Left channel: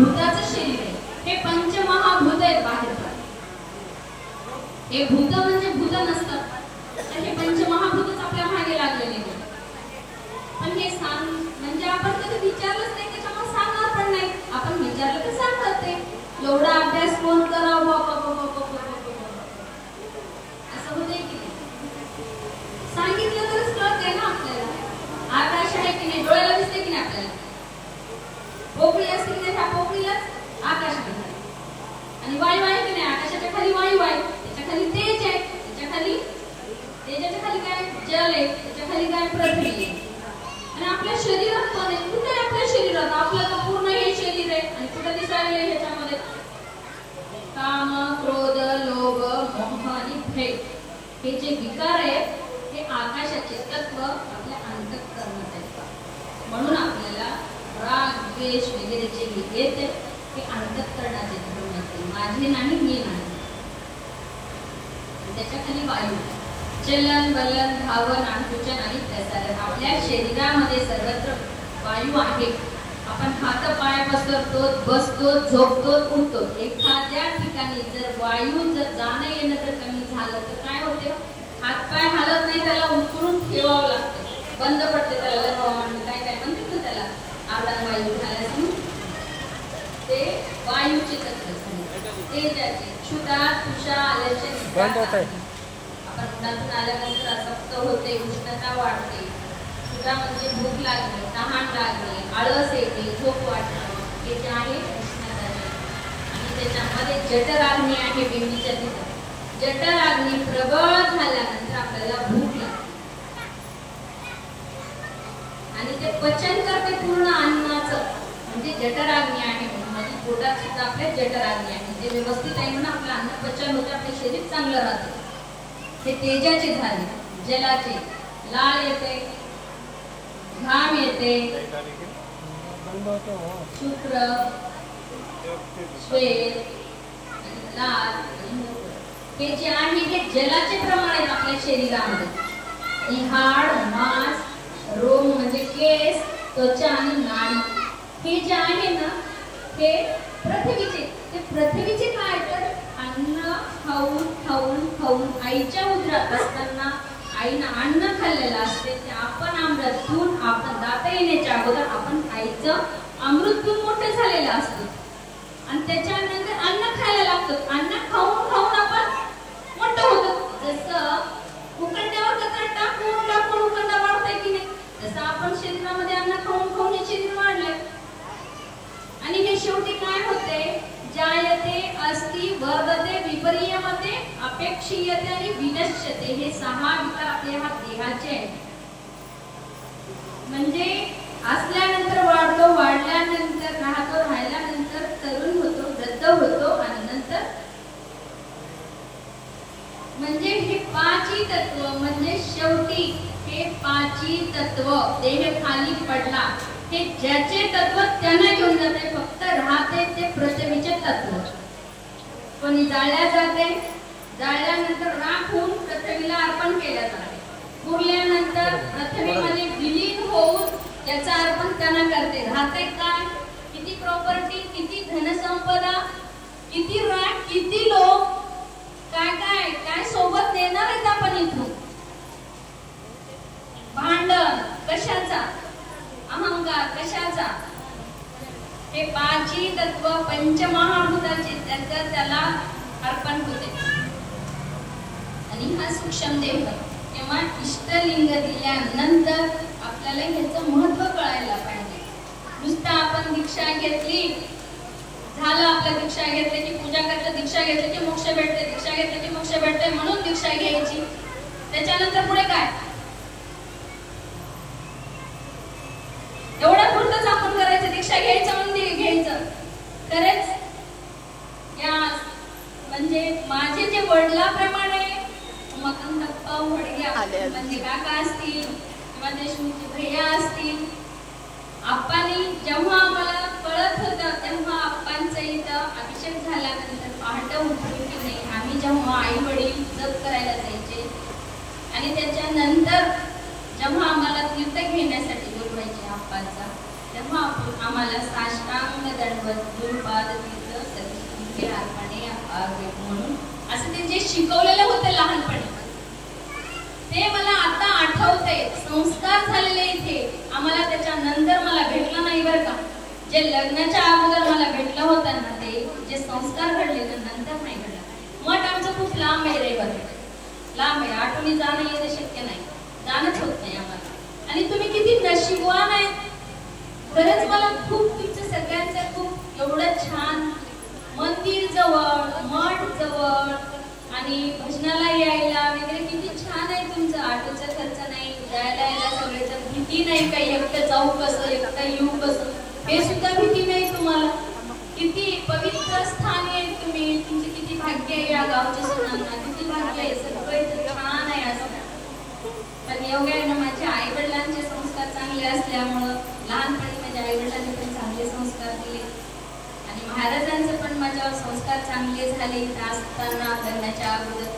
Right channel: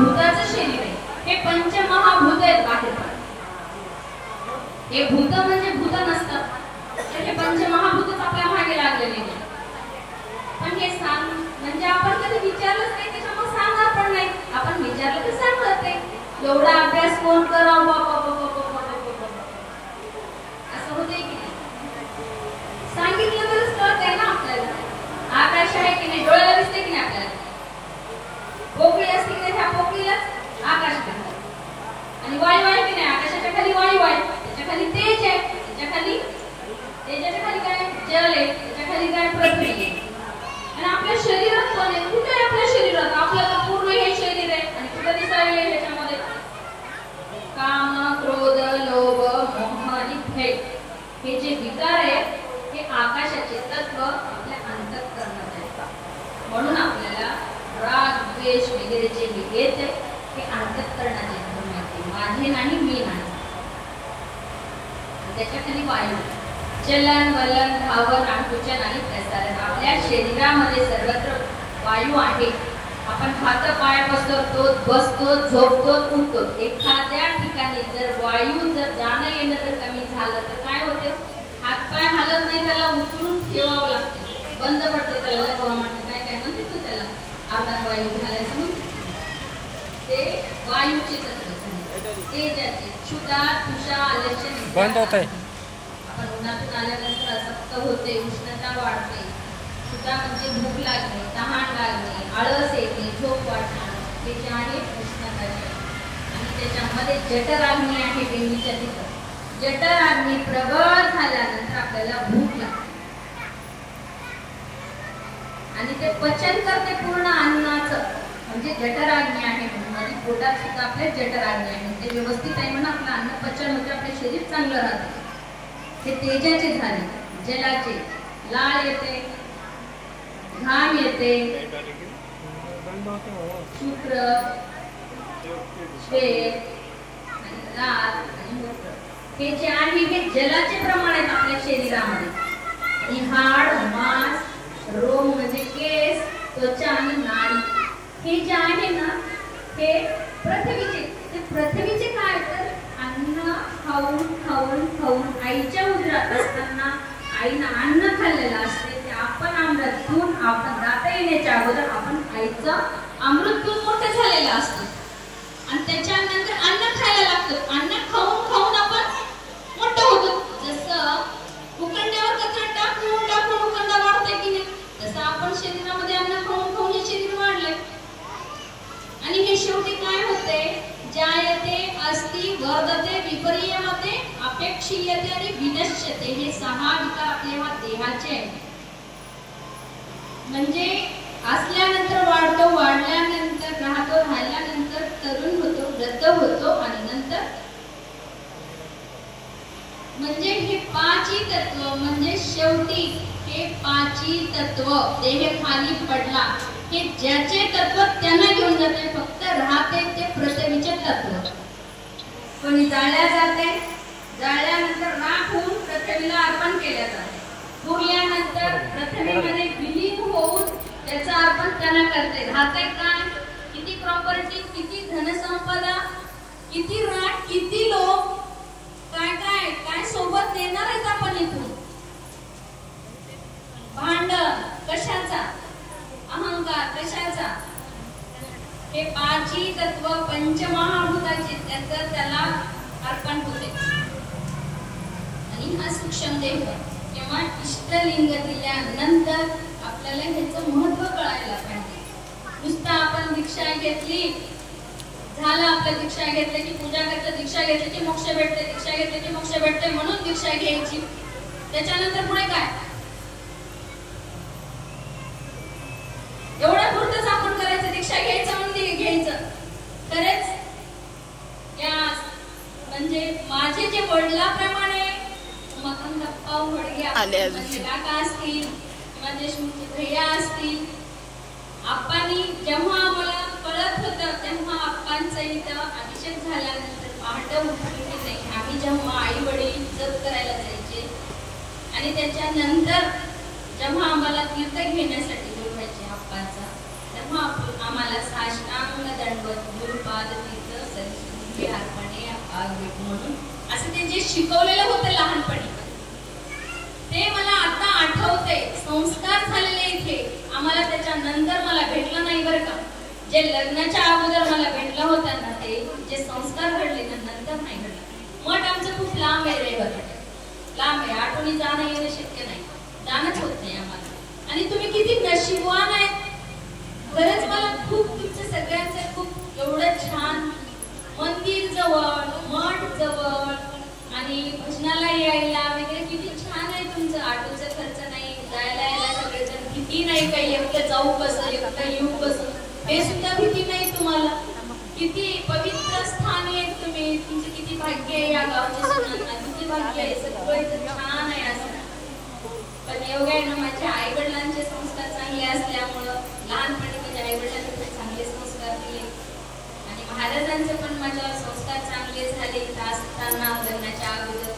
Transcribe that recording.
भूताचं शरीर आहे, हे पंचमहाभूत आहेत बाहेर. हे भूत म्हणजे भूत नसतात, तर हे पंचमहाभूतच आपल्या मागे लागलेले आहेत. पण हे सांग म्हणजे आपण कधी विचारलंच नाही, त्याच्यामुळे सांगणार पण नाही. आपण विचारलं तर सांगतात ते एवढा अभ्यास कोण करावं असं होते की नाही. सांगितलं तरच कळत आहे ना आपल्याला. आकाश आहे की नाही, डोळ्याला दिसते की नाही आपल्याला. पोकळी असते की नाही, ह्या पोकळीलाच आकाश आहे. आणि वायू आहे की नाही, आकाशाच्या खाली वायू आहे, त्याच्या खाली तेज आहे, त्याच्या खाली तेजाच्या खाली काय जल आहे, त्याच्या खाली काय पृथ्वी आहे. आणि आपल्या शरीरात कोण आहे, कुठे आहे आपल्या शरीरात. आपलं तर पूर्ण हे शरीर आहे आणि कुठे दिसायला आहे ह्याच्यामध्ये काम, क्रोध, लोभ, मोह आणि भय हे जे विकार आहेत, हे आकाशाचे तत्व आपल्या अंतःकरणात आहेत. म्हणून आपल्याला राग, द्वेष वगैरे जे येते हे अंतःकरणाचे धर्म आहेत. माझे नाही, मी नाही. त्याच्या खाली वायू, चलन, वलन, धावन, आकुंचन आणि प्रसारण. आपल्या शरीरामध्ये सर्वत्र वायू आहे. आपण हात पाय बसतो, झोपतो, उठतो. एखाद्या ठिकाणी जर वायू जर जाणं येणं जर कमी झालं तर काय होते, हात पाय हलत नाही, त्याला उचलून ठेवावं लागते, बंद पडते. त्याला म्हणतात काय काय म्हणते तू त्याला आधार वायू घालायचं. ते वायूचे तत्व, तेजाचे, क्षुधा, तुषा, आलस्य बंद होते. आपण उन्हातून आल्यानंतर असक्त होते, उष्णता वाढते. क्षुधा म्हणजे भूक लागणे, तहान लागणे, आळस येते, झोप वाटणं, हे जे आहे उष्णता. आणि त्याच्यामध्ये जठराग्नी आहे बिंबीच्या तिथं. जठराग्नी प्रबळ झाल्यानंतर आपल्याला भूक लागते आणि ते पचन करते पूर्ण अन्नाचं. म्हणजे जठराग्नी आहे, म्हणजे पोटात सुद्धा आपल्या जठराग्नी आहे. ते व्यवस्थित आहे म्हणून आपलं अन्न पचन होते, आपले शरीर चांगलं राहते. हे तेजाचे झाले. जलाचे लाळ येते, घाम येते, शुक्र, श्वेत, लाल आणि मूत्र. हे जे आहे हे जलाचे प्रमाण आहेत आपल्या शरीरामध्ये. आणि हाड, मांस, रोम म्हणजे केस, त्वचा आणि नाडी हे जे आहे ना हे पृथ्वीचे. ते पृथ्वीचे काय तर अन्न खाऊन खाऊन खाऊन आईच्या उदरात असताना आईनं अन्न खाल्लेलं असते. ते आपण अमृत पिऊन, आपण दाता येण्याच्या अगोदर आपण आईचं अमृत पिऊन मोठे झालेलं असतो. आणि त्याच्यानंतर अन्न खायला लागतं. अन्न खाऊन खाऊन आपण मोठं होतो. जसं उकंड्यावर कचरा टाकून टाकून उकंडा वाढतंय की नाही, तसं आपण शरीरामध्ये अन्न खाऊन खाऊन हे शरीर वाढलंय. आणि हे शेवटी काय होते, जायते, अस्ति, वर्धते, विपर्ययते, अपेक्षीयते आणि विनश्यते. हे 6 विकार आपल्या देहाचे आहेत. म्हणजे असल्यानंतर वाढतो, वाढल्यानंतर राहतो, राहिल्यानंतर तरुण होतो, वृद्ध होतो आणि नंतर म्हणजे हे 5 तत्व. म्हणजे शेवटी हे 5 तत्व देह खाली पडला, हे ज्याचे तत्व त्यांना घेऊन जाते. फक्त राहते ते पृथ्वीचे तत्व. कोणी जाळल्या जाते, जाळल्यानंतर राख होऊन पृथ्वीला अर्पण केल्या जाते. पुरल्यानंतर पृथ्वीमध्ये विलीन होऊन त्याचा अर्पण त्यांना करते. राहते काय, किती प्रॉपर्टी, किती धनसंपदा, किती राख, किती लोक, काय काय काय सोबत नेणार आहेत आपण इथून. भांडण कशाचा, अहंकार कशाचा. हे 5 तत्व पंचमहाभूताचे त्याला अर्पण होते. आणि हा सूक्ष्म देह आहे. तेव्हा इष्टलिंग दिल्यानंतर आपल्याला ह्याचं महत्व कळायला पाहिजे. नुसतं आपण दीक्षा घेतली झालं, आपल्या दीक्षा घेतली की पूजा करते, दीक्षा घेतली की मोक्ष भेटते, दीक्षा घेतली की मोक्ष भेटते म्हणून दीक्षा घ्यायची. त्याच्यानंतर पुढे काय, एवढं पुरतच आपण करायचं. दीक्षा घ्यायचं म्हणून घ्यायचं खरंच. या म्हणजे माझे जे वडिलाप्रमाणे मकरंदप्पा वडगे म्हणजे काका असतील किंवा देशमुखी भैया असतील, आप्पांनी जेव्हा आम्हाला कळत होतं तेव्हा आप्पांचं इथं अभिषेक झाल्यानंतर पहाटे उठून की नाही, आम्ही जेव्हा आई वडील जप करायला जायचे आणि त्याच्यानंतर जेव्हा आम्हाला तीर्थ घेण्यासाठी बोलवायचे आप्पांचा, तेव्हा आम्हाला साष्टांग दंडवत गुरुपाद तीर्थ सदस्य लहानपणी म्हणून असं ते जे शिकवलेलं होतं लहानपणी ते मला आता आठवते. संस्कार झालेले इथे आम्हाला त्याच्यानंतर मला भेटलं नाही बरं का. जे लग्नाच्या अगोदर मला भेटलं होतं ना ते जे संस्कार घडले ना नंतर नाही घडलं. मठ आमचं खूप लांब आहे रे बरं, लांब आहे. आठवणी जाणं येणं शक्य नाही, जाणंच होत नाही आम्हाला. आणि तुम्ही किती नशीबवान आहेत. खरंच मला खूप तुमचं सगळ्यांचं खूप एवढं छान मंदिर जवळ, मठ जवळ आणि भजनाला यायला वगैरे किती छान आहे तुमचं. ऑटोचा खर्च नाही, जायला यायला सगळ्याच्या भीती नाही, काही एकटं जाऊ कसं एकटं येऊ कसं हे सुद्धा भीती नाही तुम्हाला. किती पवित्र स्थान आहे तुम्ही, तुमचे किती भाग्य आहे या गावच्या सुनांना, किती भाग्य आहे. सगळं छान आहे असं. पण एवढ्या आहे ना माझ्या आईवडिलांचे संस्कार चांगले असल्यामुळं लहानपणी माझ्या आईवडिलांनी पण चांगले संस्कार दिले आणि महाराजांचे पण माझ्यावर संस्कार चांगले झाले. असताना लग्नाच्या अगोदर